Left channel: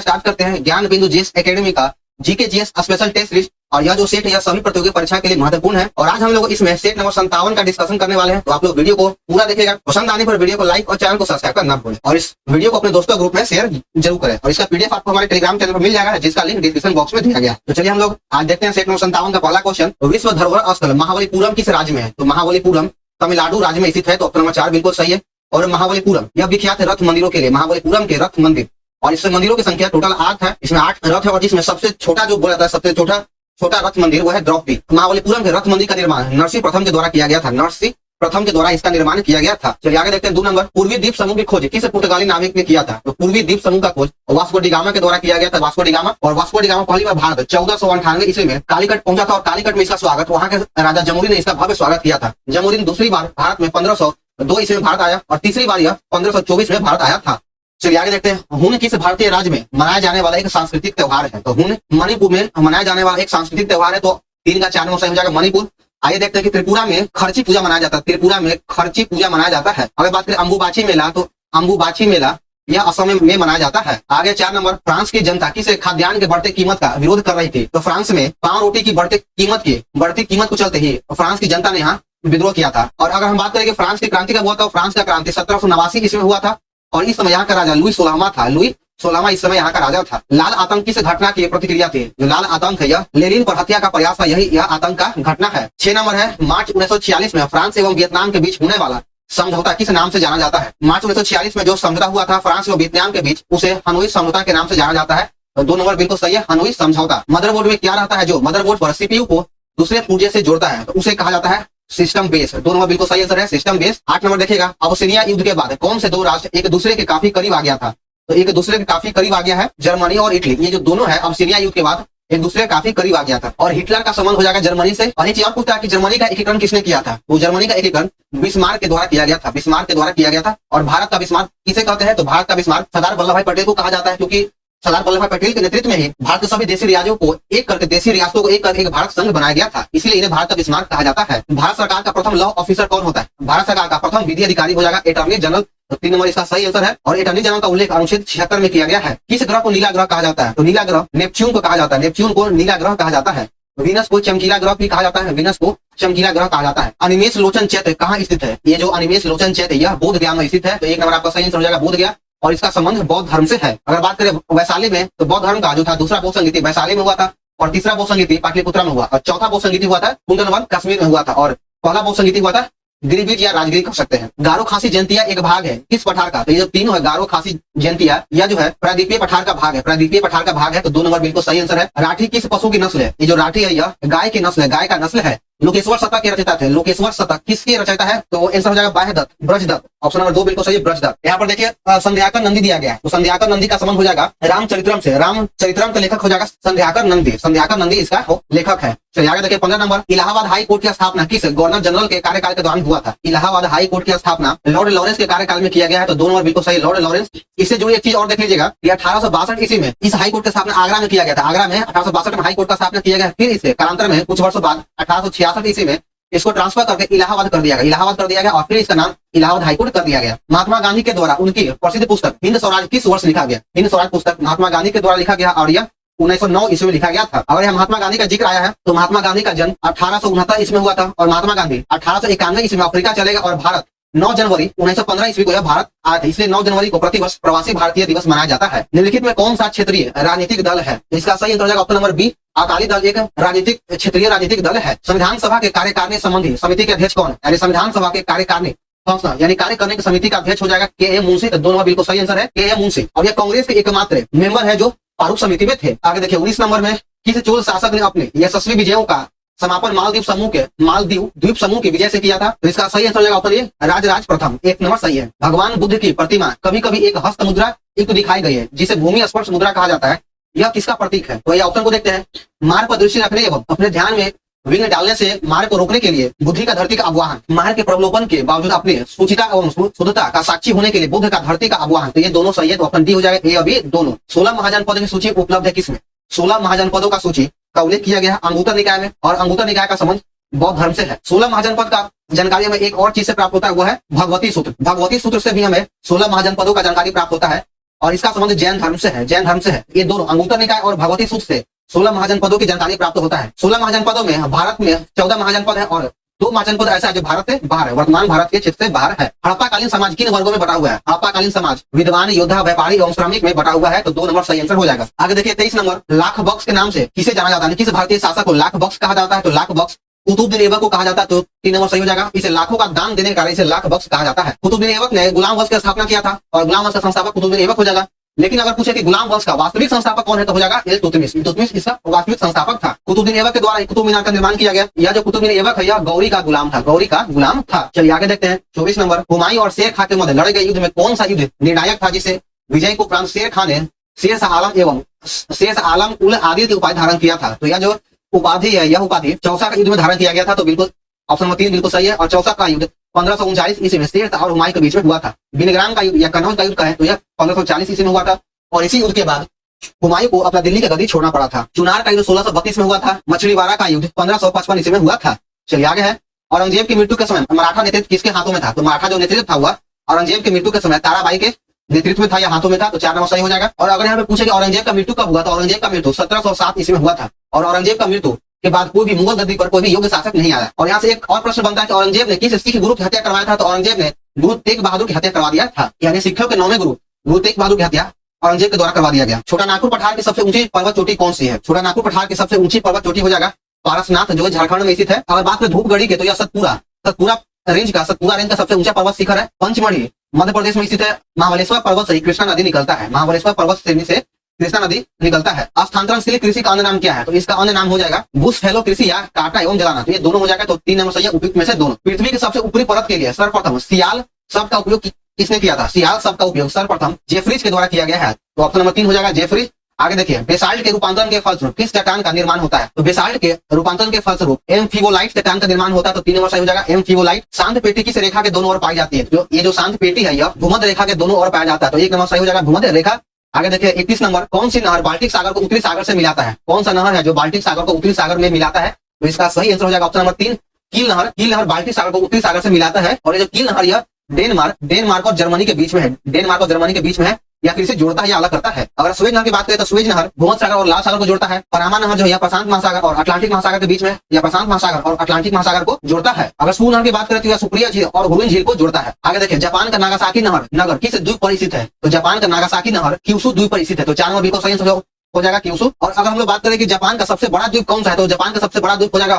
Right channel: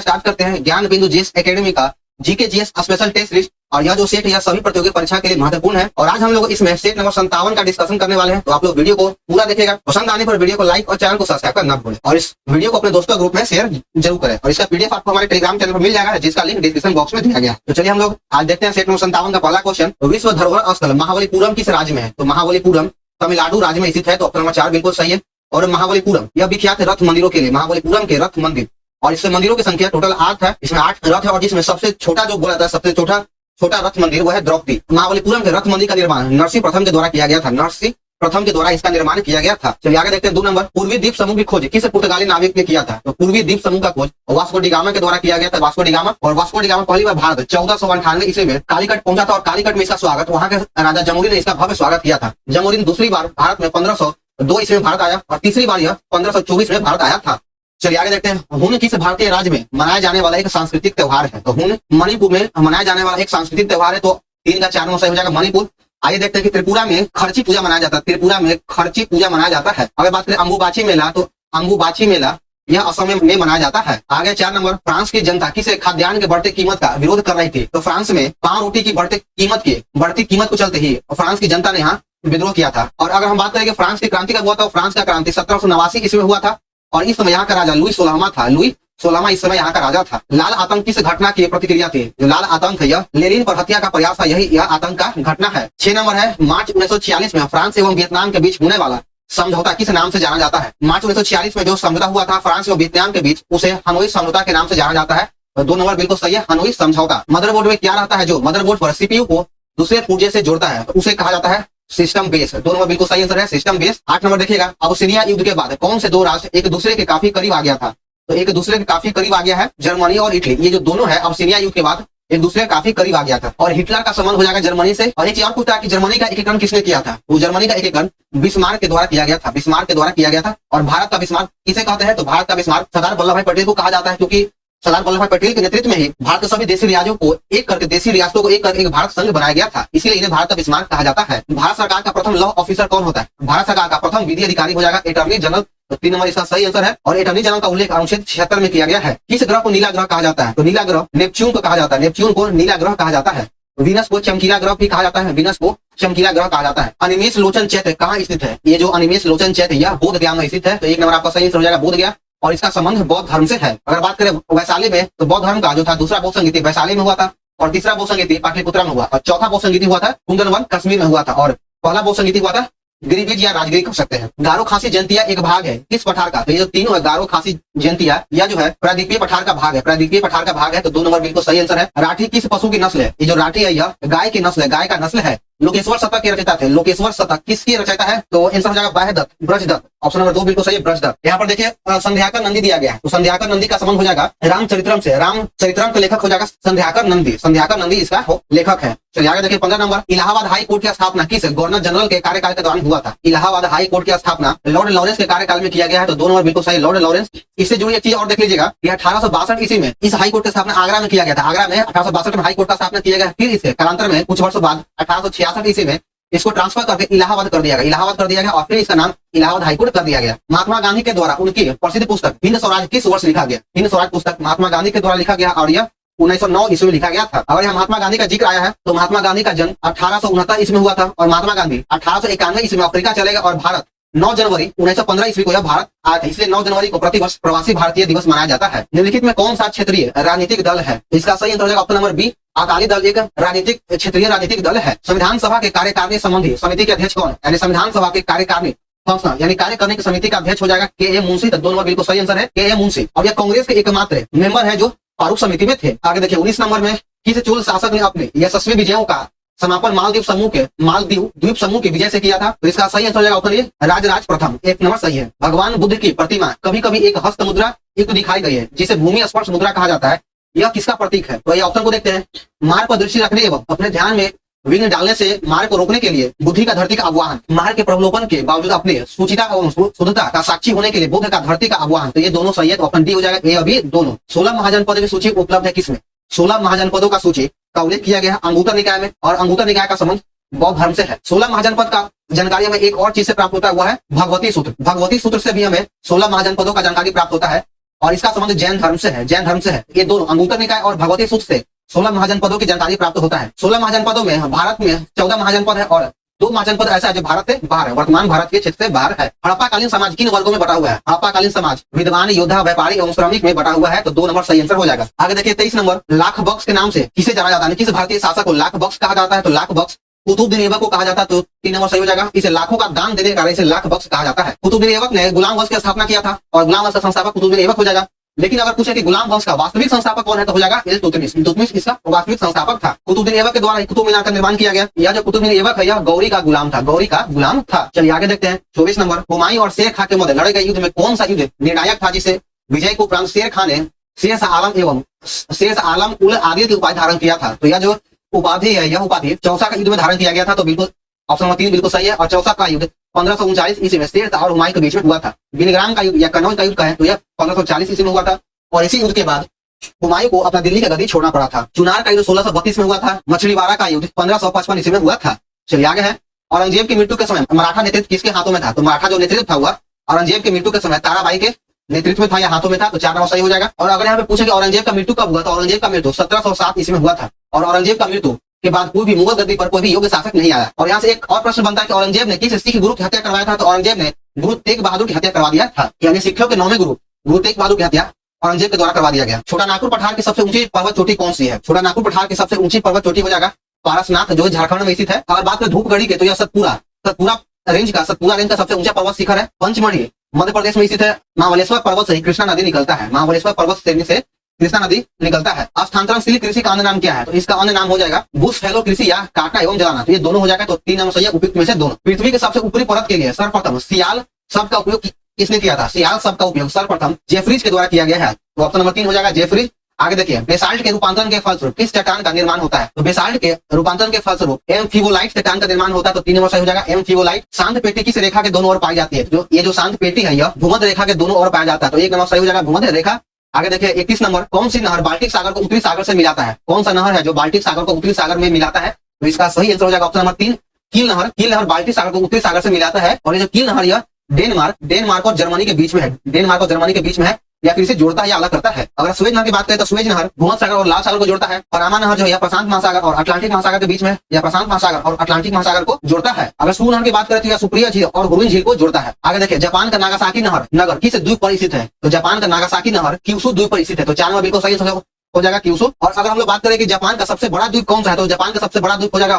Start करते हैं Gyan Bindu GS academy का GK GS special test list. और यह जो सेट है यह सभी प्रतियोगी परीक्षा के लिए महत्वपूर्ण है। और आज हम लोग इसमें सेट नंबर 57 का डिस्कशन करने वाले हैं। तो आप लोग वीडियो को पूरा देखिएगा। पसंद आने पर वीडियो को लाइक और चैनल को सब्सक्राइब करना भूलें। और इस वीडियो को अपने दोस्तों ग्रुप में शेयर जरूर करें। और इसका पीडीएफ आपको हमारे टेलीग्राम चैनल पर मिल जाएगा, जिसका लिंक डिस्क्रिप्शन बॉक्स में दिया गया है। तो चलिए हम लोग आज देखते हैं सेट नंबर 57 का पहला क्वेश्चन। विश्व धरोहर स्थल महाबलीपुरम किस राज्य में है? तो महाबलीपुरम तमिलनाडु राज्य में स्थित है। तो ऑप्शन नंबर 4 बिल्कुल सही है। और महाबलीपुरम यह विख्यात है रथ मंदिरों के लिए, महाबलीपुरम के रथ मंदिर। और इसमें मंदिरों की संख्या टोटल 8 है। इसमें 8 रथ है और जिसमें सबसे छोटा जो बोला जाता है, सबसे छोटा रथ मंदिर वो है द्रौपदी। महाबलीपुरम के रथ मंदिर का निर्माण नरसिंह प्रथम के द्वारा किया गया था। नरसिंह प्रथम के द्वारा इसका निर्माण किया गया था। चलिए आगे देखते हैं 2 नंबर। पूर्वी द्वीप समूह की खोज किस पुर्तगाली नाविक ने किया था? तो पूर्वी द्वीप समूह का खोज वास्को डी गामा के द्वारा किया गया था। वास्को डी गामा पहली बार भारत 1498 ईस्वी में कालीकट पहुंचा था। और कालीकट में इसका स्वागत वहां के राजा जमुरी ने इसका भव्य स्वागत किया था। जमुरी ने दूसरी बार भारत में 1502 ईस्वी में भारत आया और तीसरी बार यह 1524 में भारत आया था। चलिए आगे देखते हैं। हून किस भारतीय राज्य में मनाया जाने वाला एक सांस्कृतिक त्योहार है? तो हून मणिपुर में मनाया जाने वाला एक सांस्कृतिक त्योहार है। तो 3 का 4 सही हो जाएगा मणिपुर। आइए देखते हैं कि त्रिपुरा में खर्ची पूजा मनाया जाता है। त्रिपुरा में खर्ची पूजा मनाया जाता है। अगर बात करें अंबुबाची मेला, तो अंबुबाची मेला यह असम में मनाया जाता है। आगे 4 नंबर। फ्रांस की जनता किस खाद्यान्न के बढ़ते कीमत का विरोध कर रही थी? तो फ्रांस में पाव रोटी की बढ़ती कीमत को चलते ही फ्रांस की जनता ने यहाँ विद्रोह किया था। और अगर हम बात करें कि फ्रांस की क्रांति का हुआ था, फ्रांस का क्रांति 1789 ईस्वी में हुआ था। और इस समय यहाँ का राजा लुई 16वां था। लुई 16वां इस समय यहाँ का राजा था। लाल आतंक किस घटना की प्रतिक्रिया थी? जो लाल आतंक है यह लेनिन पर हत्या का प्रयास था। यह आतंक का घटना है। 6 नंबर है। मार्च 1946 में फ्रांस एवं वियतनाम के बीच होने वाला समझौता किस नाम से जाना जाता है? मार्च 1946 में जो समझौता हुआ था फ्रांस और वियतनाम के बीच, उसे हनोई समझौता के नाम से जाना जाता है। तो 2 नंबर बिल्कुल सही है, हनोई समझौता। मदरबोर्ड में क्या रहता है जो मदरबोर्ड पर सीपीयू को दूसरे पुर्जे से जोड़ता है? तो उसे कहा जाता है सिस्टम बेस। 2 नंबर बिल्कुल सही आंसर है, सिस्टम बेस। 8 नंबर देखिएगा। अबसिनिया युद्ध के बाद कौन से 2 राष्ट्र एक दूसरे के काफी करीब आ गया था? तो एक दूसरे के काफी करीब आ गया है जर्मनी और इटली। ये जो दोनों है अबसिनिया युद्ध के बाद एक दूसरे के काफी करीब आ गया था। और हिटलर का संबंध हो जाएगा जर्मनी से। और एक चीज और पूछता है कि जर्मनी का एकीकरण किसने किया था? वो जर्मनी का एकीकरण बिस्मार्क के द्वारा किया गया था। बिस्मार्क के द्वारा किया गया था। और भारत का बिस्मार्क किसे कहते हैं? तो भारत का बिस्मार्क सरदार वल्लभ भाई पटेल को कहा जाता है, क्योंकि सरदार वल्लभ भाई पटेल के नेतृत्व में ही भारत के सभी देशी रियाजों को एक करके देशी रियासतों को एक करके एक भारत संघ बनाया गया था। इसलिए इन्हें भारत का बिस्मार्क कहा जाता है। भारत सरकार का प्रथम लॉ ऑफिसर कौन होता है? भारत सरकार का प्रथम विधि अधिकारी हो जाएगा अटॉर्नी जनरल। 3 नंबर इसका सही आंसर है। और अटॉर्नी जनरल का उल्लेख अनुच्छेद 76 में किया गया है। किस ग्रह को नीला ग्रह कहा जाता है? तो नीला ग्रह नेपच्यून को कहा जाता है। नेपच्यून को नीला ग्रह कहा जाता है। वीनस को चमकीला ग्रह भी कहा जाता है। वीनस को चमकीला ग्रह कहा जाता है। अनिमेष लोचन चैत्य कहाँ स्थित है? ये जो अनिमेष लोचन चैत्य यह बोध गया में स्थित है। तो 1 नंबर आपका सही आंसर हो जाएगा बोध गया। और इसका संबंध बौद्ध धर्म से है। अगर बात करें वैशाली में, तो बौद्ध धर्म का जो था दूसरा बौद्ध संगीति वैशाली में हुआ था। और तीसरा बौद्ध संगीति पाटलिपुत्रा में हुआ। और चौथा बौद्ध संगीति हुआ था कुंदनवन कश्मीर में हुआ था। और पहला बौद्ध संगीति हुआ था गिरिबीज या राजगिरी कह सकते हैं। गारो खासी जयंतिया एक भाग है किस पठार का? तो ये जो तीनों है गारो खासी जयंतिया यह जो है प्रायद्वीपीय पठार का भाग है। प्रायद्वीपीय पठार का भाग है। तो 2 नंबर बिल्कुल सही आंसर है। राठी किस पशु की नस्ल है? ये जो राठी है यह गाय की नस्ल है, गाय का नस्ल है। लोकेश्वर शतक के रचयिता थे। लोकेश्वर शतक किसके रचयिता है? तो आंसर हो जाएगा बाह्यदत्त, ब्रजदत्त। ऑप्शन नंबर 2 बिल्कुल सही है, ब्रजदत्त। यहाँ पर देखिए संध्याकर नंदी दिया गया है। तो संध्याकर नंदी का संबंध हो जाएगा रामचरित्रम से। रामचरित्रम का लेखक हो जाएगा संध्याकर नंदी। संध्याकर नंदी इसका लेखक है। चलिए आगे देखिए 15 नंबर। इलाहाबाद हाई कोर्ट की स्थापना किस गवर्नर जनरल के कार्यकाल के दौरान हुआ था? इलाहाबाद हाई कोर्ट की स्थापना लॉर्ड लॉरेंस के कार्यकाल में किया गया है। तो 2 नंबर बिल्कुल सही, लॉर्ड लॉरेंस। इससे जुड़ी एक चीज और देख लीजिएगा, 1862 ईस्वी में इस हाई कोर्ट की स्थापना आगरा में किया गया था। आगरा में 1862 में हाई कोर्ट का स्थापना किया गया। फिर इसे कालांतर में कुछ वर्षों बाद 1866 ईस्वी में इसको ट्रांसफर करके इलाहाबाद कर दिया गया। इलाहाबाद कर दिया गया और फिर इसका नाम इलाहाबाद हाईकोर्ट कर दिया गया। महात्मा गांधी के द्वारा उनकी प्रसिद्ध पुस्तक हिंद स्वराज किस वर्ष लिखा गया? हिंद स्वराज पुस्तक महात्मा गांधी के द्वारा लिखा गया और यह 1909 ईस्वी में लिखा गया था। अगर यहाँ महात्मा गांधी का जिक्र आया है तो महात्मा गांधी का जन्म 1869 ईस्वी में हुआ था। और महात्मा गांधी 1891 ईस्वी में अफ्रीका चले गए। और भारत 9 जनवरी 1915 ईस्वी को यह भारत आया था। इसलिए 9 जनवरी को प्रतिवर्ष प्रवासी भारतीय दिवस मनाया जाता है। निम्नलिखित में कौन सा क्षेत्रीय राजनीतिक दल है? इसका सही आंसर हो जाएगा option number B, Akali Dal एक राजनीतिक क्षेत्रीय राजनीतिक दल है। संविधान सभा के कार्यकारिणी संबंधी समिति के अध्यक्ष कौन है? यानी संविधान सभा के कार्यकारिणी फंक्शनल यानी कार्य करने की समिति का अध्यक्ष हो जाएगा के ए मुंशी। तो 2 नंबर बिल्कुल सही आंसर है, के ए मुंशी। और यह कांग्रेस के एकमात्र मेंबर है जो प्रारूप समिति में थे। आगे देखिए 19 नंबर में किस चोल शासक ने अपने यशस्वी विजयों का समापन मालदीव द्वीप समूह की विजय से किया था? तो इसका सही आंसर हो जाएगा ऑप्शन ए, राजराज प्रथम। 1 नंबर सही है। भगवान बुद्ध की प्रतिमा कभी कभी एक हस्त मुद्रा युक्त दिखाई गई है जिसे भूमि स्पर्श मुद्रा कहा जाता है। यह किसका प्रतीक है? तो यह ऑप्शन को देखते हैं। मार्ग पर दृष्टि रखने एवं अपने ध्यान में विघ्न डालने से मार्ग को रोकने के लिए, बुद्धि का धरती का आह्वान, मार्ग के प्रलोभन के बावजूद अपने सुचिता एवं शुद्धता का साक्षी होने के लिए बुद्ध का धरती का आह्वान। तो ये दोनों सही है। तो ऑप्शन डी हो जाएगा, ये अभी दोनों। 16 महाजनपद की सूची उपलब्ध है किसमें? 16 महाजनपदों का सूची का उल्लेख किया गया है अंगुत्तर निकाय में। और अंगुत्तर निकाय का संबंध बौद्ध धर्म से है। 16 महाजनपद का जानकारी हमें एक और चीज से प्राप्त होता है, वह है भगवती सूत्र। भगवती सूत्र से भी हमें 16 महाजनपदों का जानकारी प्राप्त होता है। और इसका संबंध जैन धर्म से है, जैन धर्म से है। ये दोनों अंगुत्तर निकाय और भगवती सूत्र से 16 महाजनपदों की जानकारी प्राप्त होता है। 16 महाजनपदों में भारत में 14 महाजनपद है और 2 महाजनपद ऐसा है जो भारत से बाहर है, वर्तमान भारत के क्षेत्र से बाहर है। हड़प्पाकालीन समाज किन वर्गों में बटा हुआ है? हड़प्पाकालीन समाज विद्वान, योद्धा, व्यापारी एवं श्रमिक में बटा हुआ है, तो 2 नंबर सही आंसर हो जाएगा। आगे देखिए 23 नंबर, लाख बक्स के नाम से किसे जाना जाता है? किस भारतीय शासक को लाख बक्स कहा जाता है? तो लाख बक्स कुतुबुद्दीन ऐबक को कहा जाता है, तो 3 नंबर सही हो जाएगा। इसे लाखों का दान देने के कारण इसे लाख बक्स कहा जाता है। कुतुबुद्दीन ऐबक ने गुलाम वंश की स्थापना किया था और गुलाम वंश का संस्थापक कुतुबुद्दीन ऐबक हो जाएगा। लेकिन अगर पूछे कि गुलाम वंश का वास्तविक संस्थापक कौन है, तो हो जाएगा इल्तुतमिश। इल्तुतमिश इसका वास्तविक संस्थापक था। कुतुबुद्दीन ऐबक के द्वारा कुतुब मीनार का निर्माण किया गया। यह जो कुतुबुद्दीन ऐबक है, यह गौरी का गुलाम था, गौरी का गुलाम था। चलिए आगे देखते हैं 24 नंबर, हुमायूं और शेर खां के मध्य लड़े गए युद्ध में कौन सा युद्ध निर्णायक था, जिसे विजय को उपरांत शेर खां ने शेष आलम एवं शेष आलम उल आदिल की उपाधि धारण किया था? तो यह जो उपाधि है, यह उपाधि चौसा का युद्ध में धारण किया गया था, तो बिल्कुल ऑप्शन नंबर 3 बिल्कुल सही है। और चौसा का युद्ध 1539 ईस्वी में शेर और हुमायूं के बीच में हुआ था। बिलग्राम का युद्ध या कनौज का युद्ध का है, तो यह 1540 ईस्वी में हुआ था। और इसी युद्ध के बाद हुमायूं को अपना दिल्ली की गद्दी छोड़ना पड़ा था। चुनार का युद्ध 1632 में हुआ था। मछलीवाड़ा का युद्ध 1555 ईस्वी में हुआ था। चलिए आगे है, औरंगजेब की मृत्यु के समय मराठा नेतृत्व किसके हाथों में था? तो मराठा जो नेतृत्व था हुआ औरंगजेब की मृत्यु के समय ताराबाई के नेतृत्व में था या हाथों में था, तो 4 नंबर सही हो जाएगा। और अगर यहाँ पे पूछे कि औरंगजेब का मृत्यु कब हुआ, तो औरंगजेब का मृत्यु 1707 ईस्वी में हुआ था। और औरंगजेब का मृत्यु के बाद कोई भी मुगल गद्दी पर कोई भी योग्य शासक नहीं आया। और यहाँ से एक और प्रश्न बनता है कि औरंगजेब ने किस सिख गुरु की हत्या करवाया था? तो औरंगजेब ने गुरु तेग बहादुर की हत्या करवा दिया था, यानी सिखों के 9वें गुरु तेग बहादुर की हत्या औरंगजेब के द्वारा करवा दिया गया। छोटा नागपुर पठार की सबसे ऊंची पर्वत चोटी कौन सी है? छोटा नागपुर पठार की सबसे ऊंची पर्वत चोटी हो जाएगा पारसनाथ, जो झारखंड में स्थित है। अगर बात करें धूपगढ़ी के, तो यह सतपुरा रेंज का सबसे ऊंचा पर्वत शिखर है। पंचमढ़ी मध्य प्रदेश में स्थित है। महाबलेश्वर पर्वत से कृष्णा नदी निकलता है, महाबलेश्वर पर्वत श्रेणी से कृष्णा नदी निकलता है। स्थानांतरणशील कृषि का अन्य नाम क्या है? तो इसका अन्य नाम हो जाएगा बुश फैलो कृषि या काटना एवं जलाना। तो ये दोनों हो जाएगा, तो 3 नंबर सही है, उपयुक्त में से दोनों। पृथ्वी के सबसे ऊपरी परत के लिए सर्वप्रथम सियाल शब्द का उपयोग किसने किया था? सियाल शब्द का उपयोग सर्वप्रथम जेफरीज के द्वारा किया गया है, तो ऑप्शन नंबर 3 हो जाएगा जेफरीज। आगे देखिए, बेसाल्ट के रूपांतरण के फलस्वरूप किस चट्टान का निर्माण होता है? तो बेसाल्ट के रूपांतरण के फलस्वरूप एम्फीबोलाइट चट्टान का निर्माण होता है, तो 3 नंबर सही हो जाएगा एम्फीबोलाइट। शांत पेटी किस रेखा के दोनों ओर पाई जाती है? जो ये जो शांत पेटी है, यह भूमध्य रेखा के दोनों ओर पाया जाता है, तो 1 नंबर सही हो जाएगा भूमध्य रेखा। आगे देखिए 31 नंबर, कौन सी नहर बाल्टिक सागर को उत्तरी सागर से मिलाता है? कौन सा नहर है जो बाल्टिक सागर को उत्तरी सागर में मिलाता है? तो इसका सही आंसर हो जाएगा ऑप्शन नंबर 3 कील नहर। कील नहर बाल्टिक सागर को उत्तरी सागर से मिलाता है। और ये जो कील नहर, यह डेनमार्क और जर्मनी के बीच में है, डेनमार्क और जर्मनी के बीच में है, या फिर इसे जोड़ता है या अलग करता है। अगर स्वेज नहर की बात करें तो स्वेज नहर भूमध्य सागर और लाल सागर को जोड़ता है। पनामा नहर जो है प्रशांत महासागर और अटलांटिक महासागर के बीच में, या प्रशांत महासागर और अटलांटिक महासागर को जोड़ता है। अगर सू नहर की बात करें तो यह सुप्रिया झील और हुरुन झील को जोड़ता है। आगे देखिए, जापान का नागासाकी नगर किस द्वीप पर स्थित है? तो जापान का नागासाकी नहर क्यूशु द्वीप पर स्थित है, तो 4 नंबर बिल्कुल सही हो जाएगा क्यूशु। और अगर हम लोग बात करें कि जापान का सबसे बड़ा द्वीप कौन सा है, तो जापान का सबसे बड़ा द्वीप हो जाएगा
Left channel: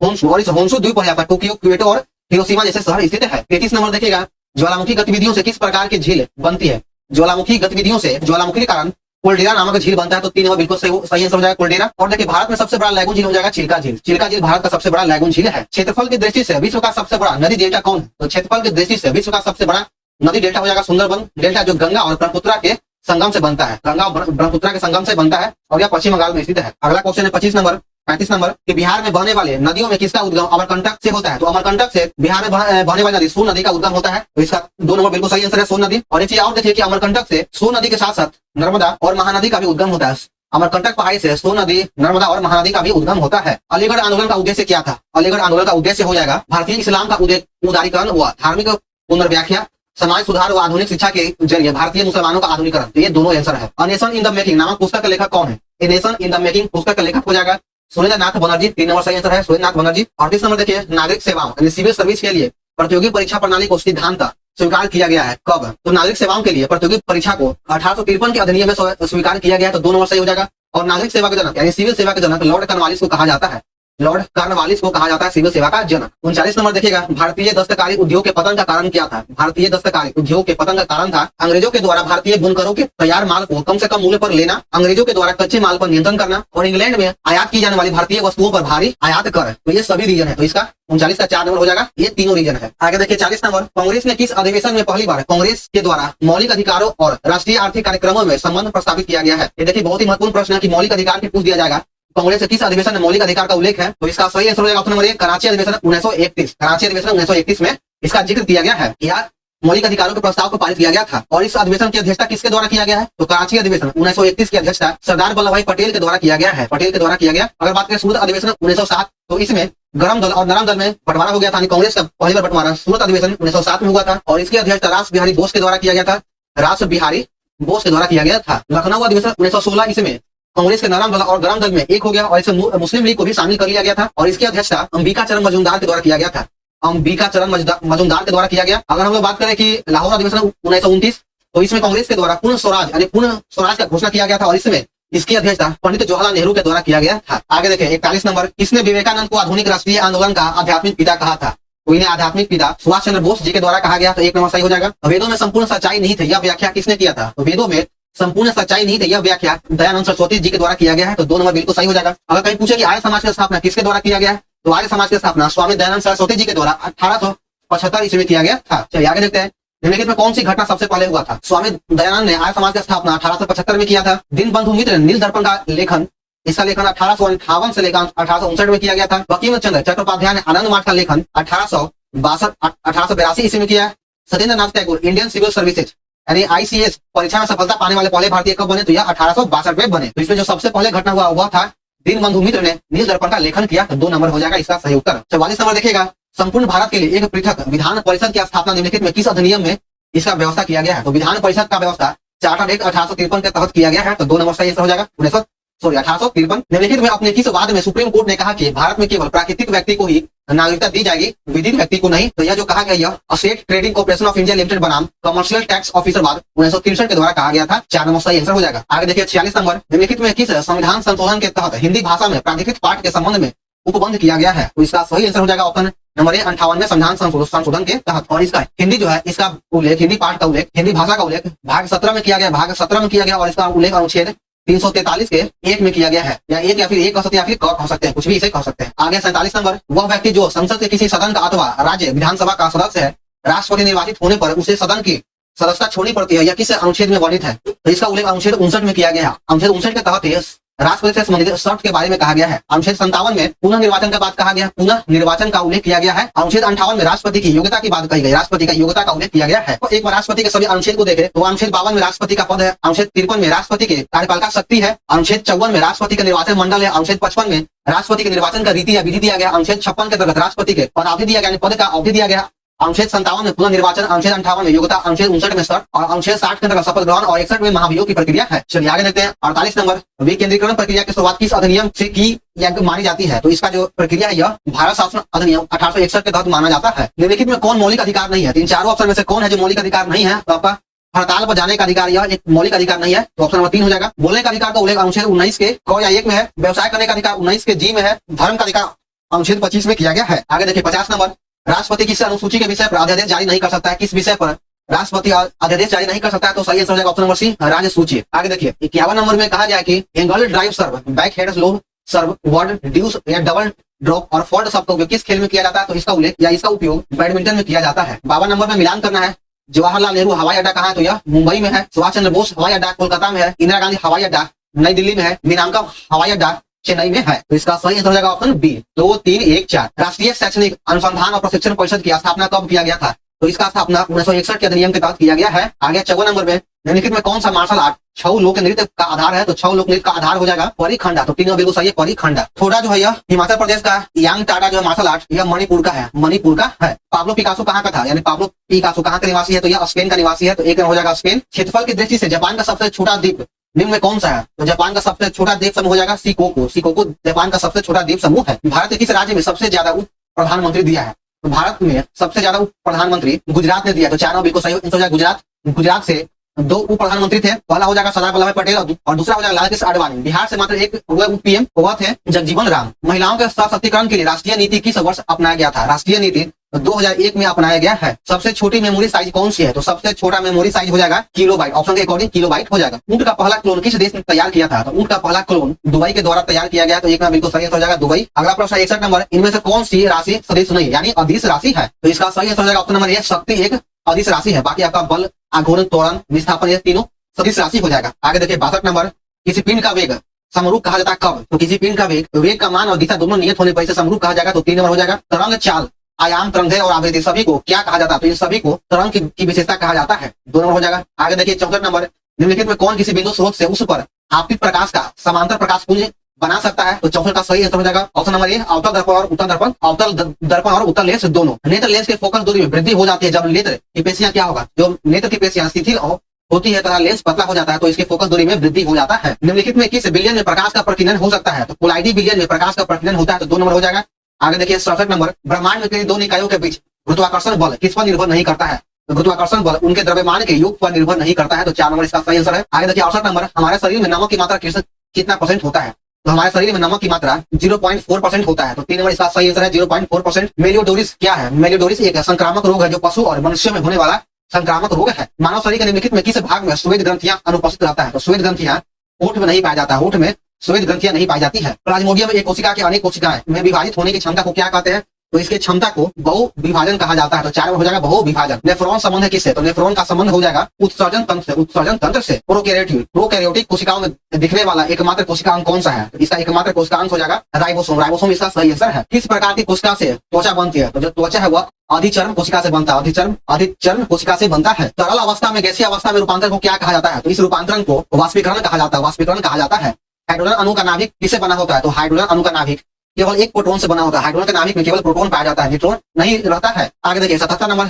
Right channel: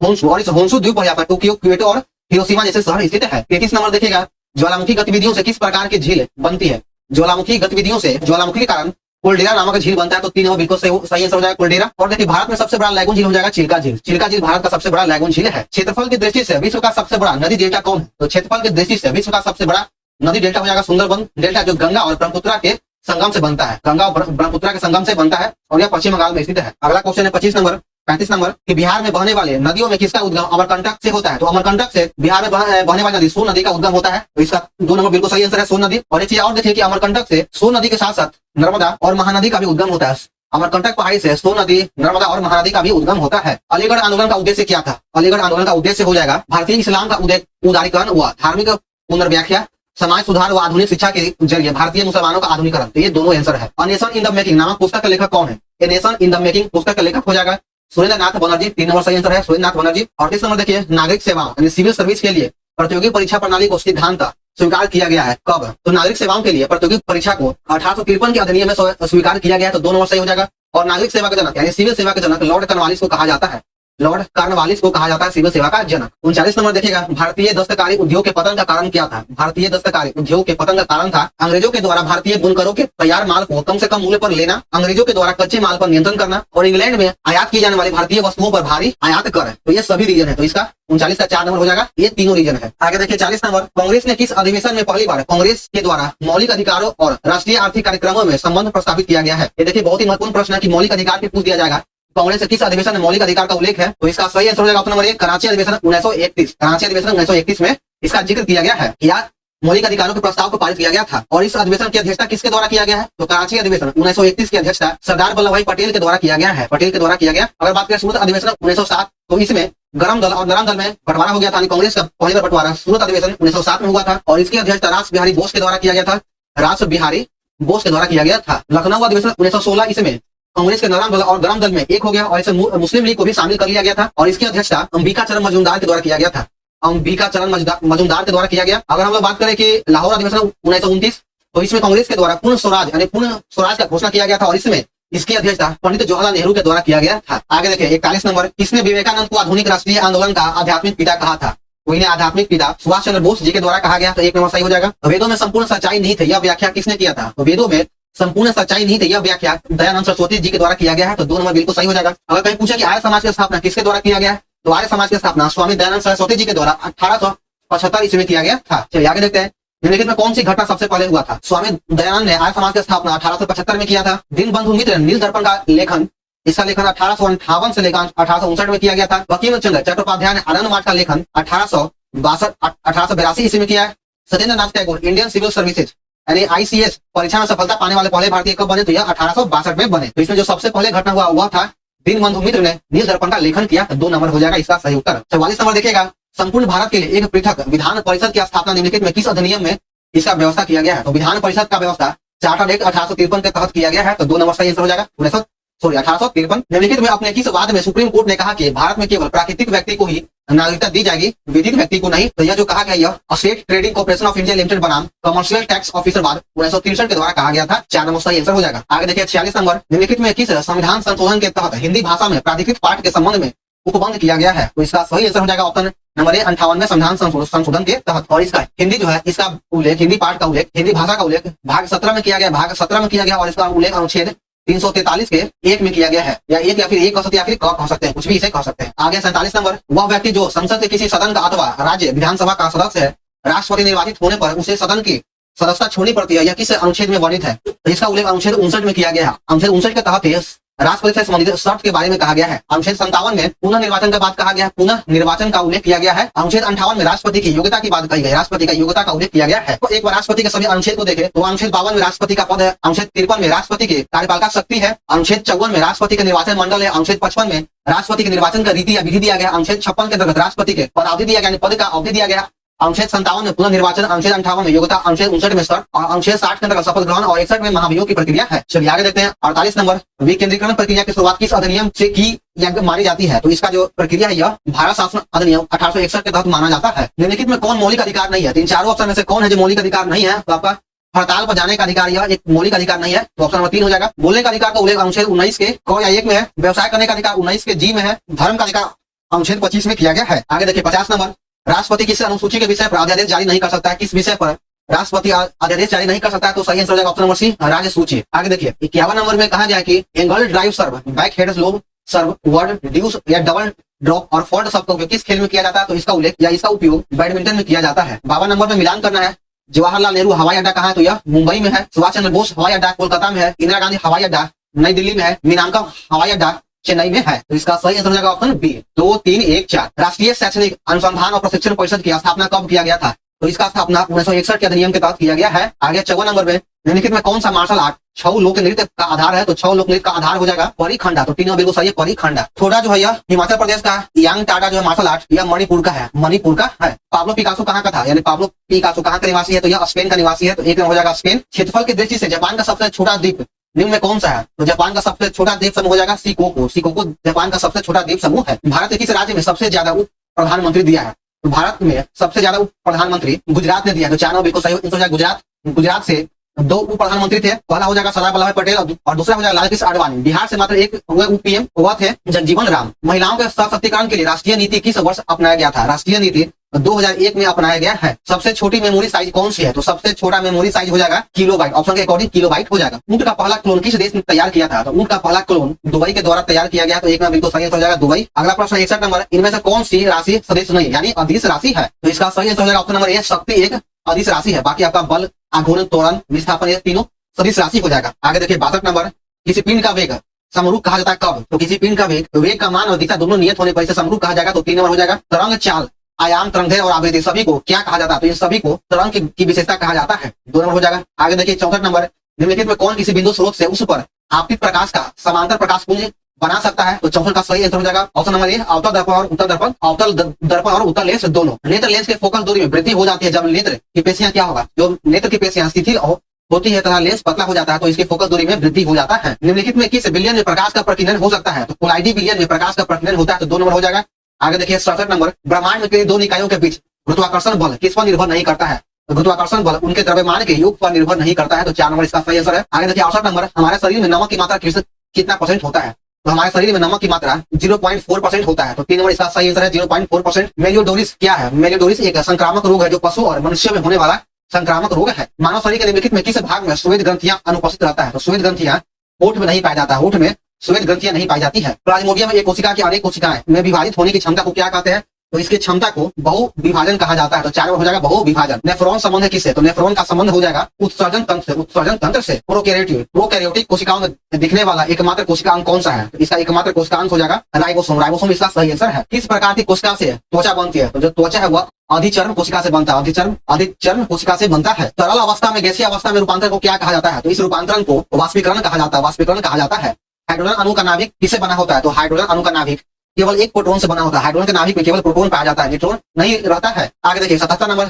होन्शु। और इस होन्शु द्वीप पर यहाँ पर टोक्यो, क्योटो और हिरोशिमा जैसे शहर स्थित है। 33 नंबर देखिएगा, ज्वालामुखी गतिविधियों से किस प्रकार की झील बनती है? ज्वालामुखी गतिविधियों से, ज्वालामुखी के कारण कोल्डेरा नामक झील बनता है, तो 3 नंबर बिल्कुल सही आंसर हो जाएगा कोल्डेरा। और देखिए, भारत में सबसे बड़ा लैगून झील हो जाएगा चिल्का झील। चिल्का झील भारत का सबसे बड़ा लैगून झील है। क्षेत्रफल की दृष्टि से विश्व का सबसे बड़ा नदी डेल्टा कौन है? तो क्षेत्रफल की दृष्टि से विश्व का सबसे बड़ा नदी डेल्टा हो जाएगा सुंदरबन डेल्टा, जो गंगा और ब्रह्मपुत्र के संगम से बनता है, गंगा और ब्रह्मपुत्र के संगम से बनता है, और यह पश्चिम बंगाल में स्थित है। अगला क्वेश्चन है 35 नंबर कि बिहार में बहने वाले नदियों में किसका उद्गम अमरकंटक से होता है? तो अमरकंटक से बिहार में बहने वाली नदी सोन नदी का उद्गम होता है, तो इसका 2 नंबर बिल्कुल सही आंसर है सोन नदी। और एक चीज और देखिए कि अमरकंटक से सोन नदी के साथ साथ नर्मदा और महानदी का भी उद्गम होता है। अमरकंटक पहाड़ी से सोन नदी, नर्मदा और महानदी का भी उद्गम होता है। अलीगढ़ आंदोलन का उद्देश्य क्या था? अलीगढ़ आंदोलन का उद्देश्य हो जाएगा भारतीय इस्लाम का उदारीकरण व धार्मिक पुनर्व्याख्या, समाज सुधार व आधुनिक शिक्षा के जरिए भारतीय मुसलमानों का आधुनिकरण। तो ये दोनों आंसर है। A nation in the making नामक पुस्तक का लेखक कौन है? A nation in the making पुस्तक का लेखक हो जाएगा सुरेंद्रनाथ बनर्जी। 3 नंबर सही आंसर है सुरेंद्रनाथ बनर्जी। 38 नंबर देखिए, नागरिक सेवाओं सिविल सर्विस के लिए प्रतियोगी परीक्षा प्रणाली को सिद्धांत स्वीकार किया गया है कब? तो नागरिक सेवाओं के लिए प्रतियोगी परीक्षा को 1853 के अधिनियम में स्वीकार किया गया है, तो 2 नंबर सही हो जाएगा। और नागरिक सेवा के जनक यानी सिविल सेवा के जनक लॉर्ड कॉर्नवालिस को कहा जाता है, लॉर्ड कॉर्नवालिस को कहा जाता है सिविल सेवा का जनक। 39 नंबर देखिएगा, भारतीय दस्तकारी उद्योग के पतन का कारण क्या था? भारतीय दस्तकारी उद्योग के पतन का कारण था अंग्रेजों के द्वारा भारतीय बुनकरों के तैयार माल को कम से कम मूल्य पर लेना, अंग्रेजों के द्वारा कच्चे माल पर नियंत्रण करना, और इंग्लैंड में आयात की जाने वाली भारतीय वस्तुओं पर भारी आयात कर। तो ये सभी रीजन है, तो इसका 39 का 4 नंबर हो जाएगा। ये तीनों रीजन है। आगे देखिए 40 नंबर, कांग्रेस ने किस अधिवेशन में पहली बार कांग्रेस के द्वारा मौलिक अधिकारों और राष्ट्रीय आर्थिक कार्यक्रमों में संबंध प्रस्तावित किया गया है? ये देखिए बहुत ही महत्वपूर्ण प्रश्न है कि मौलिक अधिकार के पूछ दिया जाएगा कांग्रेस से किस अधिवेशन में मौलिक अधिकार का उल्लेख है? तो इसका सही आंसर हो जाएगा ऑप्शन नंबर 1 कराची अधिवेशन 1931। कराची अधिवेशन 1931 में इसका जिक्र किया गया है, या मौलिक अधिकारों के प्रस्ताव को पारित किया गया था। और इस अधिवेशन की अध्यक्षता किसके द्वारा किया गया है? तो कराची अधिवेशन 1931 की अध्यक्षता सरदार वल्लभ भाई पटेल के द्वारा किया गया है, पटेल के द्वारा किया गया। अगर बात करें सूरत अधिवेशन 1907, तो इसमें गरम दल और नरम दल में बंटवारा हो गया था। कांग्रेस का पहली बार बंटवारा सूरत अधिवेशन 1907 में हुआ था, और इसकी अध्यक्षता रास बिहारी बोस के द्वारा किया गया था, रास बिहारी बोस के द्वारा किया गया था। लखनऊ अधिवेशन 1916 इसमें कांग्रेस के नरम दल और गरम दल में एक हो गया और इसे मुस्लिम लीग को भी शामिल कर लिया गया था और इसकी अध्यक्षता अंबिका चरण मजूमदार के द्वारा किया गया था। अंबिका चरण मजूमदार के द्वारा किया गया। अगर हम लोग बात करें कि लाहौर अधिवेशन 1929 तो इसमें कांग्रेस के द्वारा पूर्ण स्वराज यानी पूर्ण स्वराज का घोषणा किया गया था और इसमें इसकी अध्यक्षता पंडित जवाहरलाल नेहरू के द्वारा किया गया था। आगे देखिए 41 नंबर, किसने विवेकानंद को आधुनिक राष्ट्रीय आंदोलन का आध्यात्मिक पिता कहा था? तो इन्हें आध्यात्मिक पिता सुभाष चंद्र बोस जी के द्वारा कहा गया। तो एक नंबर सही हो जाएगा। वेदों में संपूर्ण सच्चाई नहीं थे, यह व्याख्या किसने किया था? तो वेदों में संपूर्ण सच्चाई नहीं थे, यह व्याख्या दयानंद सरस्वती जी के द्वारा किया गया है। तो 2 नंबर बिल्कुल सही हो जाएगा। अगर कहीं पूछे कि आर्य समाज की स्थापना किसके द्वारा किया गया है तो आर्य समाज की स्थापना स्वामी दयानंद सरस्वती जी के द्वारा 1875 ईस्वी में किया गया था। चलिए आगे देखते हैं, निम्नलिखित में कौन सी घटना सबसे पहले हुआ था? स्वामी दयानंद ने आर्य समाज की स्थापना 1875 में किया था। दीनबंधु मित्र नील दर्पण का लेखन, इसका लेखन 1858 से लेकर 1859 में किया गया था। बंकिम चंद्र चट्टोपाध्याय ने आनंद मार्ग का लेखन 1882 ईस्वी में किया है। Satyendra Nath Tagore Indian civil services यानी ICS परीक्षा में सफलता पाने वाले पहले भारतीय कब बने? तो यह 1862 में बने। तो इसमें जो सबसे पहले घटना हुआ था दीनबंधु मित्र ने नील दर्पण का लेखन किया। तो 2 नंबर हो जाएगा इसका सही उत्तर। 44 नंबर देखिएगा, संपूर्ण भारत के लिए एक पृथक विधान परिषद की स्थापना निम्नलिखित में किस अधिनियम में इसका व्यवस्था किया गया है? तो विधान परिषद का व्यवस्था चार्टर एक्ट 1853 के तहत किया गया है। तो 2 नंबर सही आंसर हो जाएगा 1853। निम्नलिखित में अपने किस वाद में सुप्रीम कोर्ट ने कहा कि भारत में केवल प्राकृतिक व्यक्ति को ही नागरिकता दी जाएगी, विधिक व्यक्ति को नहीं? तो यह जो कहा गया यह state trading corporation of India limited बनाम कमर्शियल टैक्स ऑफिसर वाद 1963 के द्वारा कहा गया था। 4 नंबर सही आंसर हो जाएगा। आगे देखिए 46 नंबर, निम्नलिखित में किस संविधान संशोधन के तहत हिंदी भाषा में प्राधिकृत पाठ के संबंध में उपबंध किया गया है? तो इसका सही आंसर हो जाएगा ऑप्शन नंबर ए 58वें संविधान संशोधन के तहत। और इसका हिंदी जो है इसका उल्लेख, हिंदी पाठ का उल्लेख, हिंदी भाषा का उल्लेख भाग 17 में किया गया, भाग 17 में किया गया और इसका उल्लेख अनुच्छेद 343 के 1 में किया गया है। या एक या फिर एक कह सकते हैं या फिर कह सकते हैं, कुछ भी इसे कह सकते हैं। आगे 47 नंबर, वह व्यक्ति जो संसद के किसी सदन का अथवा राज्य विधानसभा का सदस्य है, राष्ट्रपति निर्वाचित होने पर उसे सदन की सदस्यता छोड़नी पड़ती है, यह किस अनुच्छेद में वर्णित है? तो इसका उल्लेख अनुच्छेद 59 में किया गया है। अनुच्छेद 59 के तहत राष्ट्रपति से संबंधित शर्त के बारे में कहा गया है। अनुच्छेद 57 में पुनः निर्वाचन का बात कहा गया है, पुनः निर्वाचन का उल्लेख किया गया है। अनुच्छेद 58 में राष्ट्रपति की योग्यता की बात कही गई, राष्ट्रपति का योग्यता का उल्लेख किया गया है। तो एक बार राष्ट्रपति के सभी अनुच्छेद को देखें तो अनुच्छेद 52 में राष्ट्रपति का पद है, अनुच्छेद 53 में राष्ट्रपति के कार्यपालिका शक्ति है, अनुच्छेद 54 में राष्ट्रपति का निर्वाचन मंडल है, अनुच्छेद 55 में राष्ट्रपति के निर्वाचन का रीति या विधि दिया गया, अनुच्छेद 56 के अंतर्गत राष्ट्रपति के पदावधि दिया गया, पद का अवधि दिया गया, अनुच्छेद 57 में पुनः निर्वाचन, अनुच्छेद 58 में योग्यता, अनुच्छेद 59 में शर्त और अनुच्छेद 60 के अंतर्गत शपथ ग्रहण और 61 में महाभियोग की प्रक्रिया है। चलिए आगे देखते हैं 48 नंबर, विकेंद्रीकरण प्रक्रिया की शुरुआत किस अधिनियम से की मानी जाती है? तो इसका जो प्रक्रिया है यह भारत शासन अधिनियम 1861 के तहत माना जाता है। निम्नलिखित में कौन मौलिक अधिकार नहीं है? तो इन चारों ऑप्शन में से कौन है जो मौलिक अधिकार नहीं है? तो आपका हड़ताल पर जाने का अधिकार यह एक मौलिक अधिकार नहीं है। तो ऑप्शन नंबर 3 हो जाएगा। बोलने का अधिकार का उल्लेख अनुच्छेद 19 के क या 1 में है, व्यवसाय करने का अधिकार 19 के जी में है, धर्म का अधिकार अनुच्छेद 25 में किया गया है। आगे देखिए 50 नंबर, राष्ट्रपति किस अनुसूची के विषय पर अध्यादेश जारी नहीं कर सकता है? किस विषय पर राष्ट्रपति अध्यादेश जारी नहीं कर सकता है? तो सही आंसर हो जाएगा ऑप्शन नंबर सी, राज्य सूची। आगे देखिए 51 नंबर में कहा गया है कि एंगल ड्राइव सर्व, बैक हेड स्लो सर्व, वर्ड ड्यूस या डबल ड्रॉप और फोल्ड सब का उपयोग किस खेल में किया जाता है? तो इसका उल्लेख या इसका उपयोग बैडमिंटन में किया जाता है। 52 नंबर में मिलान करना है, जवाहरलाल नेहरू हवाई अड्डा कहाँ है? तो यह मुंबई में है। सुभाष चंद्र बोस हवाई अड्डा कोलकाता में है। इंदिरा गांधी हवाई अड्डा नई दिल्ली में है। मीनाका हवाई अड्डा चेन्नई में है। तो इसका सही आंसर हो जाएगा ऑप्शन बी 2, 3, 1, 4। राष्ट्रीय शैक्षणिक अनुसंधान और प्रशिक्षण परिषद की स्थापना कब किया गया था? तो इसका स्थापना 1961 के अधिनियम के तहत किया गया है। आगे 54 नंबर में निम्नलिखित में कौन सा मार्शल आर्ट छऊ लोक नृत्य का आधार है? तो छऊ लोक नृत्य का आधार हो जाएगा परिखंडा। तो 3 बिल्कुल सही है, परिखंडा। थोड़ा जो है यह हिमाचल प्रदेश का, यांग टाटा जो है मार्शल आर्ट यह मणिपुर का है, मणिपुर का है। पाब्लो पिकासो कहाँ का था? यानी पाब्लो पिकासो कहाँ का निवासी है? तो यह स्पेन का निवासी है। तो एक हो जाएगा स्पेन। क्षेत्रफल की दृष्टि से जापान का सबसे छोटा द्वीप निम्न में कौन सा है? तो जापान का सबसे छोटा द्वीप समूह हो जाएगा सिकोकू। सिकोकू जापान का सबसे छोटा द्वीप समूह है। भारत के किस राज्य में सबसे ज्यादा उप प्रधानमंत्री दिया है? तो भारत में सबसे ज्यादा उप प्रधानमंत्री गुजरात ने दिया। तो 4 बिल्कुल सही हो जाएगा गुजरात। गुजरात से 2 उप प्रधानमंत्री थे, पहला हो जाएगा सरदार वल्लभ भाई पटेल और दूसरा हो जाएगा लाल कृष्ण आडवाणी। बिहार से मात्र एक हुए उप पीएम हुआ थे जगजीवन राम। महिलाओं के सशक्तिकरण के लिए राष्ट्रीय नीति किस वर्ष अपनाया गया था? राष्ट्रीय नीति 2001 में अपनाया गया है। सबसे छोटी मेमोरी साइज कौन सी है? तो सबसे छोटा मेमोरी साइज हो जाएगा किलोबाइट। ऑप्शन के अकॉर्डिंग किलोबाइट हो जाएगा। ऊंट का पहला क्लोन किस देश ने तैयार किया था? तो ऊंट का पहला क्लोन दुबई के द्वारा तैयार किया गया। तो एक बिल्कुल सही आंसर हो जाएगा दुबई। अगला प्रश्न 61 नंबर, इनमें से कौन सी राशि सदिश नहीं यानी अदिश राशि है? तो इसका सही आंसर हो जाएगा ऑप्शन नंबर ए, शक्ति एक अदिश राशि है। बाकी आपका बल, आघूर्ण, त्वरण, विस्थापन ये तीनों सदिश राशि हो जाएगा। आगे देखिए 62 नंबर, किसी पिंड का वेग समरूप कहा जाता है कब? तो किसी पिंड का वेग का मान और दिशा दोनों नियत होने पर इसे समरूप कहा जाएगा। तो 3 नंबर हो जाएगा। तरंग, चाल, आयाम, तरंगें और आवेदी सभी को क्या कहा जाता है? तो इन सभी को तरंग की विशेषता कहा जाता है। 2 नंबर हो जाएगा। आगे देखिए 64 नंबर, निम्नलिखित में कौन किसी बिंदु स्रोत से उस पर आपतित प्रकाश का समांतर प्रकाश पुंज बना सकता है? तो 64 का सही आंसर हो जाएगा ऑप्शन नंबर ए, अवतल दर्पण और उत्तल दर्पण। अवतल दर्पण और उत्तल लेंस दोनों। नेत्र लेंस के फोकस दूरी में वृद्धि हो जाती है जब नेत्र की पेशियां क्या होगा? जो नेत्र की पेशियां शिथिल होती है तथा लेंस पतला हो जाता है तो इसकी फोकस दूरी में वृद्धि हो जाता है। निम्नलिखित में किस बिलियन में प्रकाश का प्रकीर्णन हो सकता है? तो कोलाइडी बिलियन में प्रकाश का प्रकीर्णन होता है, तो 2 नंबर हो जाएगा। आगे देखिए 67 नंबर, ब्रह्मांड में किन्हीं दो निकायों के बीच गुरुत्वाकर्षण बल किस पर निर्भर नहीं करता है? तो गुरुत्वाकर्षण बल उनके द्रव्यमान के योग पर निर्भर नहीं करता है, तो 4 नंबर इसका सही आंसर है। आगे देखिए 68 नंबर, हमारे शरीर में नमक की मात्रा कितना % होता है? तो हमारे शरीर में नमक की मात्रा 0.4% होता है, तो 3 नंबर इसका सही आंसर है 0.4%। मेलियोडोरिस क्या है? मेलियोडोरिस एक संक्रामक रोग है जो पशु और मनुष्य में होने वाला संक्रामक रोग है। मानव शरीर के निम्नलिखित में किस भाग में श्वेत ग्रंथियां अनुपस्थित रहता है? तो श्वेत ग्रंथियां ओठ में नहीं पाया जाता, ओठ में श्वेत ग्रंथियां नहीं पाई जाती है। प्लाज्मोडियम में एक कोशिका की अनेक कोशिकाएं में विभाजित होने की क्षमता को क्या कहते हैं? तो इसके क्षमता को बहु विभाजन कहा जाता है, तो 4 हो जाएगा बहु विभाजन। नेफ्रॉन संबंध है किससे? तो नेफ्रॉन का संबंध हो जाएगा उत्सर्जन तंत्र से, उत्सर्जन तंत्र से। प्रोकैरियोटिक कोशिकाओं में दिखने वाला एकमात्र कोशिकांग कौन सा है? तो इसका एकमात्र कोशिकांग हो जाएगा राइबोसोम, राइबोसोम इसका सही आंसर है। किस प्रकार की कोशिका से त्वचा बनती है? तो जो त्वचा है वह अधिचर्म कोशिका से बनता है, अधिचर्म कोशिका से बनता है। तरल अवस्था में गैसीय अवस्था में रूपांतरण को क्या कहा जाता है? तो इस रूपांतरण को वाष्पीकरण कहा जाता है, वाष्पीकरण कहा जाता है। हाइड्रोजन अणु का नाभिक किससे बना होता है? तो हाइड्रोजन अणु का नाभिक केवल एक प्रोटॉन से बना होता है, हाइड्रोजन के नाभिक में केवल प्रोटॉन पाया जाता है, न्यूट्रॉन नहीं रहता है। आगे देखिए 77 नंबर,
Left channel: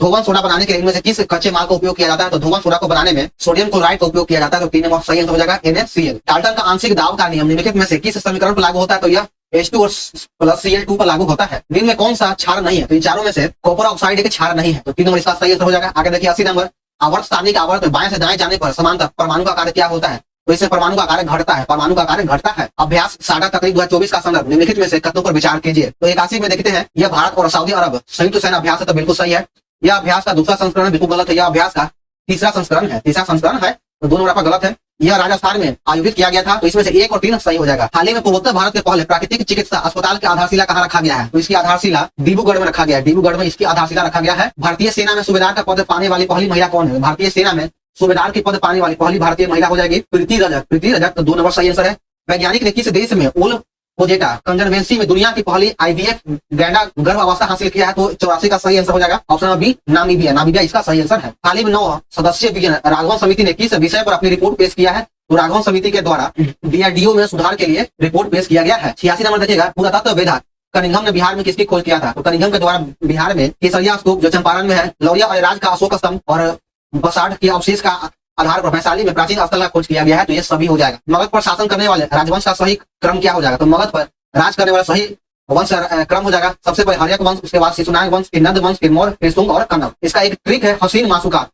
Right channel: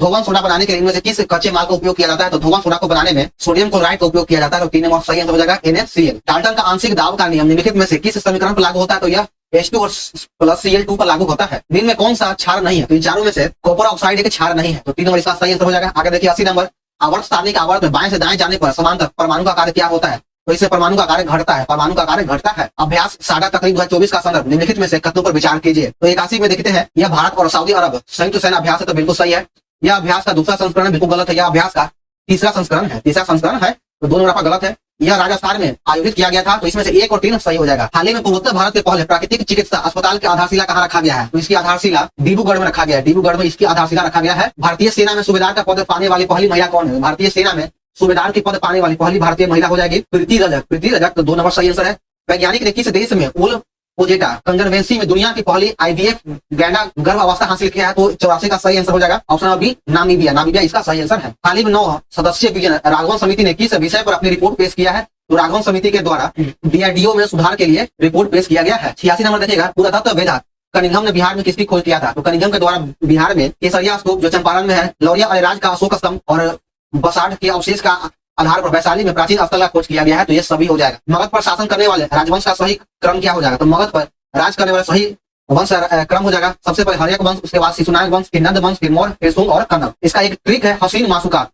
धोवन सोडा बनाने के लिए इनमें से किस कच्चे माल का उपयोग किया जाता है? तो धोवन सोडा को बनाने में सोडियम क्लोराइड का उपयोग किया जाता है, तो 3 नंबर सही आंसर हो जाएगा NaCl। डाल्टन का आंशिक दाब का नियम निम्नलिखित में से किस समीकरण पर लागू होता है? तो यह H2 + Cl2 पर लागू होता है। निम्न में कौन सा क्षार नहीं है? तो इन चारों में से कॉपर ऑक्साइड एक क्षार नहीं है, तो 3 नंबर इसका सही आंसर हो जाएगा। आगे देखिए 80 नंबर, आवर्त सारणी का आवर्त में बाएं से दाएं जाने पर समांतर परमाणु का कार्य क्या होता है? तो इससे परमाणु का कार्य घटता है, परमाणु का कार्य घटता है। अभ्यास साझा तकनीक 2024 का संदर्भ निम्नलिखित में से कथनों पर विचार कीजिए। तो 81 में देखते हैं, यह भारत और सऊदी अरब संयुक्त सेना अभ्यास है, तो बिल्कुल सही है। यह अभ्यास का दूसरा संस्करण बिल्कुल गलत है, यह अभ्यास का तीसरा संस्करण है, तो 2 नंबर आपका गलत है। यह राजस्थान में आयोजित किया गया था, तो इसमें से 1 और 3 सही हो जाएगा। हाल ही में पूर्वोत्तर भारत के पहले प्राकृतिक चिकित्सा अस्पताल की आधारशिला कहाँ रखा गया है? तो इसकी आधारशिला डिब्रूगढ़ में रखा गया है, डिब्रूगढ़ में इसकी आधारशिला रखा गया है। भारतीय सेना में सूबेदार का पद पाने वाली पहली महिला कौन है? भारतीय सेना में सूबेदार के पद पाने वाली पहली भारतीय महिला हो जाएगी प्रीति रजक, तो 2 नंबर सही आंसर है। वैज्ञानिक ने किस देश में ओल पोजेटा कंजर्वेंसी में दुनिया की पहली IVF गैंडा गर्भ अवस्था हासिल किया है? तो 84 का सही आंसर हो जाएगा ऑप्शन नंबर बी, नामीबिया इसका सही आंसर है। हाल ही में 9 सदस्यीय विजन राघवन समिति ने किस विषय पर अपनी रिपोर्ट पेश किया है? तो राघवन समिति के द्वारा DRDO में सुधार के लिए रिपोर्ट पेश किया गया है। 86 नंबर देखिएगा, पुरातत्व वेदा कनिंघम ने बिहार में किसकी खोज किया था? तो कनिंघम के द्वारा बिहार में केसरिया स्तूप जो चंपारण में है, लौरिया अरेराज का अशोक स्तंभ और बसाठ के अवशेष का आधार पर वैशाली में प्राचीन स्थल का खोज किया गया है, तो ये सभी हो जाएगा। मगध पर शासन करने वाले राजवंश का सही क्रम क्या हो जाएगा? तो मगध पर राज करने वाला सही वंश क्रम हो जाएगा, सबसे पहले हर्यक वंश, उसके बाद शिशुनाग वंश, फिर नंद वंश, फिर मौर्य, फिर शुंग और कन्नव। इसका एक ट्रिक है हसीन मासुकात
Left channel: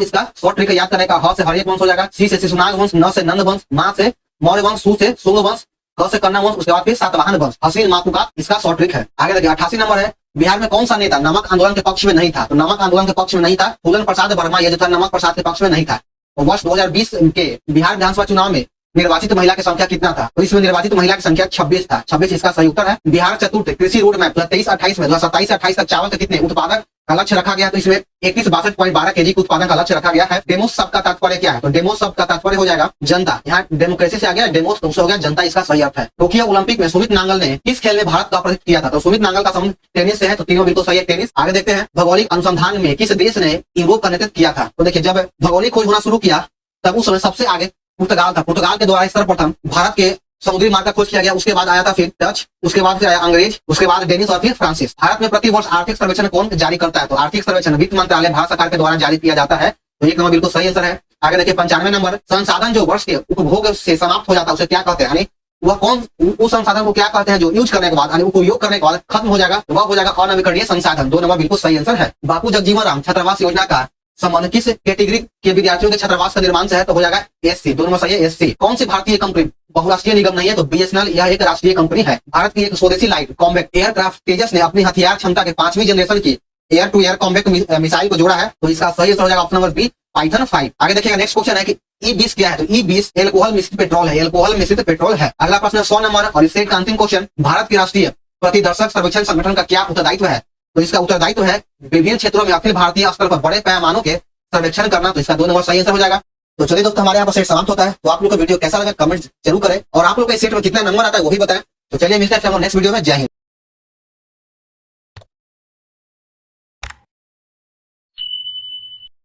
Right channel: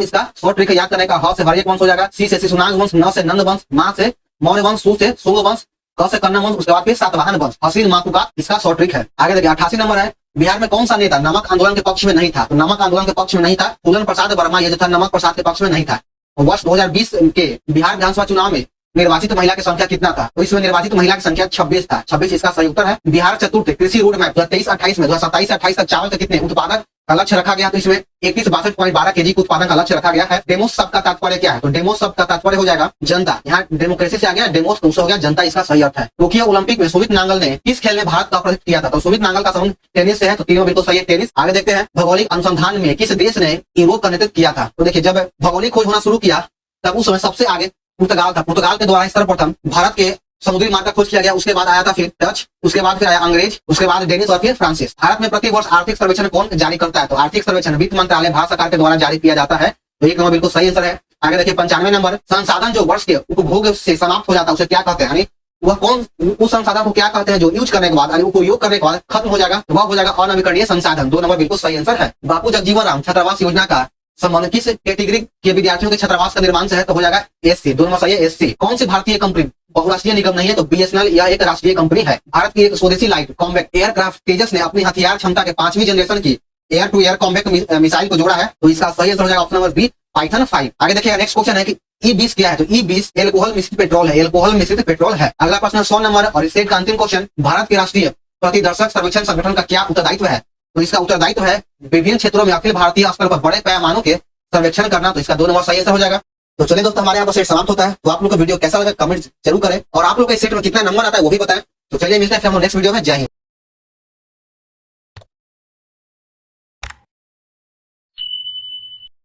इसका शॉर्ट ट्रिक है याद करने का। ह से हर्यक वंश हो जाएगा, सी से शिशुनाग वंश, न से नंद वंश, मा से मौर्य वंश, सु से शुंग वंश, क से कन्नव वंश, उसके बाद फिर सातवाहन वंश। हसीन मासुकात इसका शॉर्ट ट्रिक है। आगे देखिए 88 नंबर है, बिहार में कौन सा नेता नमक आंदोलन के पक्ष में नहीं था? तो नमक आंदोलन के पक्ष में नहीं था फूलन प्रसाद वर्मा, ये जो था नमक प्रसाद के पक्ष में नहीं था। वर्ष 2020 के बिहार विधानसभा चुनाव में निर्वाचित महिला की संख्या कितना था? तो इसमें निर्वाचित महिला की संख्या 26 था, 26 इसका सही उत्तर है। बिहार चतुर्थ कृषि रोड मैप 23-28 में 27-28 तक चावल के कितने उत्पादक का लक्ष्य रखा गया? तो इसमें 2162.12 kg के उत्पादन का लक्ष्य रखा गया है। डेमोस शब्द का तात्पर्य क्या है? तो डेमोस शब्द का तात्पर्य हो जाएगा जनता, यहाँ डेमोक्रेसी से आ गया डेमोस, तो हो गया जनता, इसका सही अर्थ है। टोक्यो ओलंपिक में सुमित नांगल ने किस खेल में भारत का प्रतिनिधित्व किया था? तो सुमित नांगल का संबंध टेनिस से है, तो तीनों बिल्कुल सही है, टेनिस। आगे देखते हैं, भौगोलिक अनुसंधान में किस देश ने यूरोप का नेतृत्व किया था? तो देखिए जब भौगोलिक खोज होना शुरू किया तब उस समय सबसे आगे पुर्तगाल था, पुर्तगाल के द्वारा सर्वप्रथम भारत के समुद्री मार्ग का खोज किया गया। उसके बाद आया था फिर डच, उसके बाद फिर आया अंग्रेज, उसके बाद डेनिश और फिर फ्रांसिस। भारत में प्रति वर्ष आर्थिक सर्वेक्षण कौन जारी करता है? तो आर्थिक सर्वेक्षण वित्त मंत्रालय भारत सरकार के द्वारा जारी किया जाता है, तो 1 नंबर बिल्कुल सही आंसर है। आगे देखिए 95 नंबर, संसाधन जो वर्ष के उपभोग से समाप्त हो जाता है उसे क्या कहते हैं? यानी वह कौन उस संसाधन को क्या कहते हैं जो यूज करने के बाद यानी उपयोग करने के बाद खत्म हो जाएगा? वह हो जाएगा अनवीकरणीय संसाधन। 2 नंबर बिल्कुल सही आंसर है। बापू जगजीवन राम छात्रावास योजना का संबंध किस कैटेगरी के विद्यार्थियों के छात्रावास का निर्माण से है? तो हो जाएगा SC, 2 नंबर सही है, SC। कौन सी भारतीय कंपनी बहुराष्ट्रीय निगम नहीं है? तो BSNL, यह एक राष्ट्रीय कंपनी है। भारत की एक स्वदेशी लाइट कॉम्बैट एयरक्राफ्ट तेजस ने अपनी हथियार क्षमता के 5वीं जनरेशन की air to air combat missile को जोड़ा है, तो इसका सही आंसर हो जाएगा ऑप्शन नंबर बी, पाइथन 5। आगे देखिएगा नेक्स्ट क्वेश्चन है कि E20 क्या है? तो E20 एल्कोहल मिश्रित पेट्रोल है, एल्कोहल मिश्रित पेट्रोल है। अगला प्रश्न 100 नंबर और इस सेट का अंतिम क्वेश्चन, भारत के राष्ट्रीय प्रतिदर्शक सर्वेक्षण संगठन का क्या उत्तरदायित्व है? तो इसका उत्तरदायित्व है विभिन्न क्षेत्रों में अखिल भारतीय स्तर पर बड़े पैमानों के सर्वेक्षण करना, तो इसका 2 नंबर सही आंसर हो जाएगा। तो चलिए दोस्तों, हमारे यहाँ पर सेट समाप्त होता है। तो आप लोग का वीडियो कैसा लगा कमेंट जरूर करें और आप लोग के सेट में कितना नंबर आता है वो भी बताएं। तो चलिए मिलते हैं फिर हम नेक्स्ट वीडियो में। जय हिंद।